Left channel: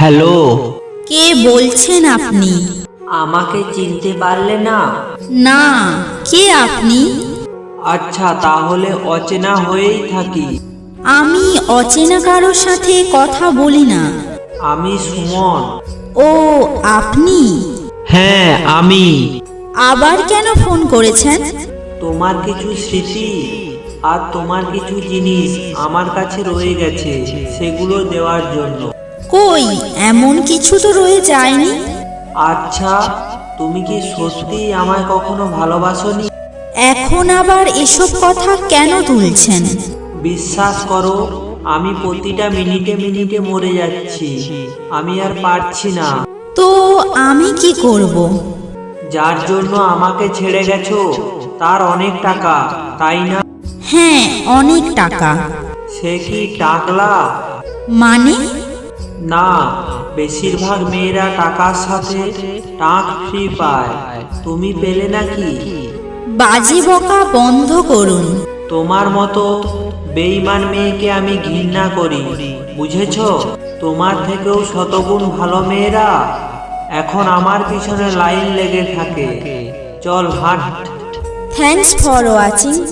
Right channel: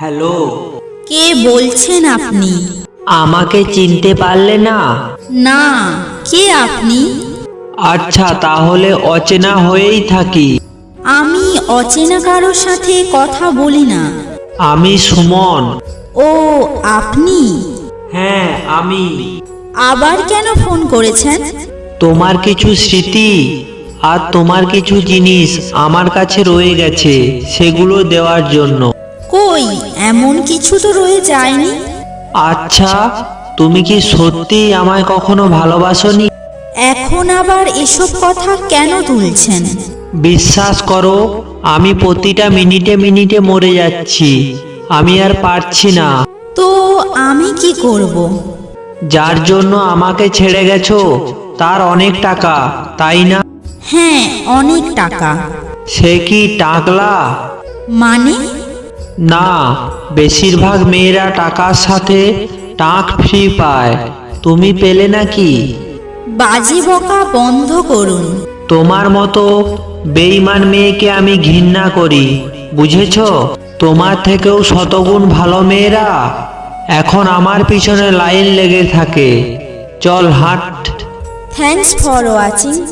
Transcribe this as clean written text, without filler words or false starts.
Hello, কে বলছেন আপনি? আমাকে চিনতে পারলে না? না, কে আপনি? আচ্ছা, তাহলে অচেনা হয়েই থাকি। আমি অচেনা কারোর সাথে কথা বলি না। আমি সুমন। ও, আপনি? হ্যাঁ, আমি। আবার কেন ফোন করেছেন? তোমার কিছু স্মৃতি আর তোমার কিছু জিনিস আমার কাছে রয়ে গেছে, সেগুলো দেওয়ার জন্য। কই, এমন কিছু তো রয়ে যায়নি। আচ্ছা, তুমি কি সত্যি আমায় কখনো ভালোবাসোনি? এখন আবার এসব কথা কেন তুলছেন? বিশ্বাস করো, আমি প্রতিটা মিনিটে মিনিটে মরে যাচ্ছি। আমি আর পারছি না। তো আমি কি করব? যার জন্য আমাকে ছেড়ে গেছো তার অনেক টাকা, তাই না? হ্যাঁ, অনেক টাকা। সে কি টাকলা? মানে? না, বেশিরভাগ মেয়েরা টাকার সাথে টাক ফ্রি পায়। তুমি পেলে নাকি? বাজি বকা বন্ধ করুন। তোমার মতো বেঈমান মেয়েকে আমি ঘৃণা করি, বুঝেছো? তোমার থেকেও শতগুণ ভালো মেয়েরা এখন আমার পিছনে লাইন লেগে থাকে। চল হাঁট। Thanks for watching.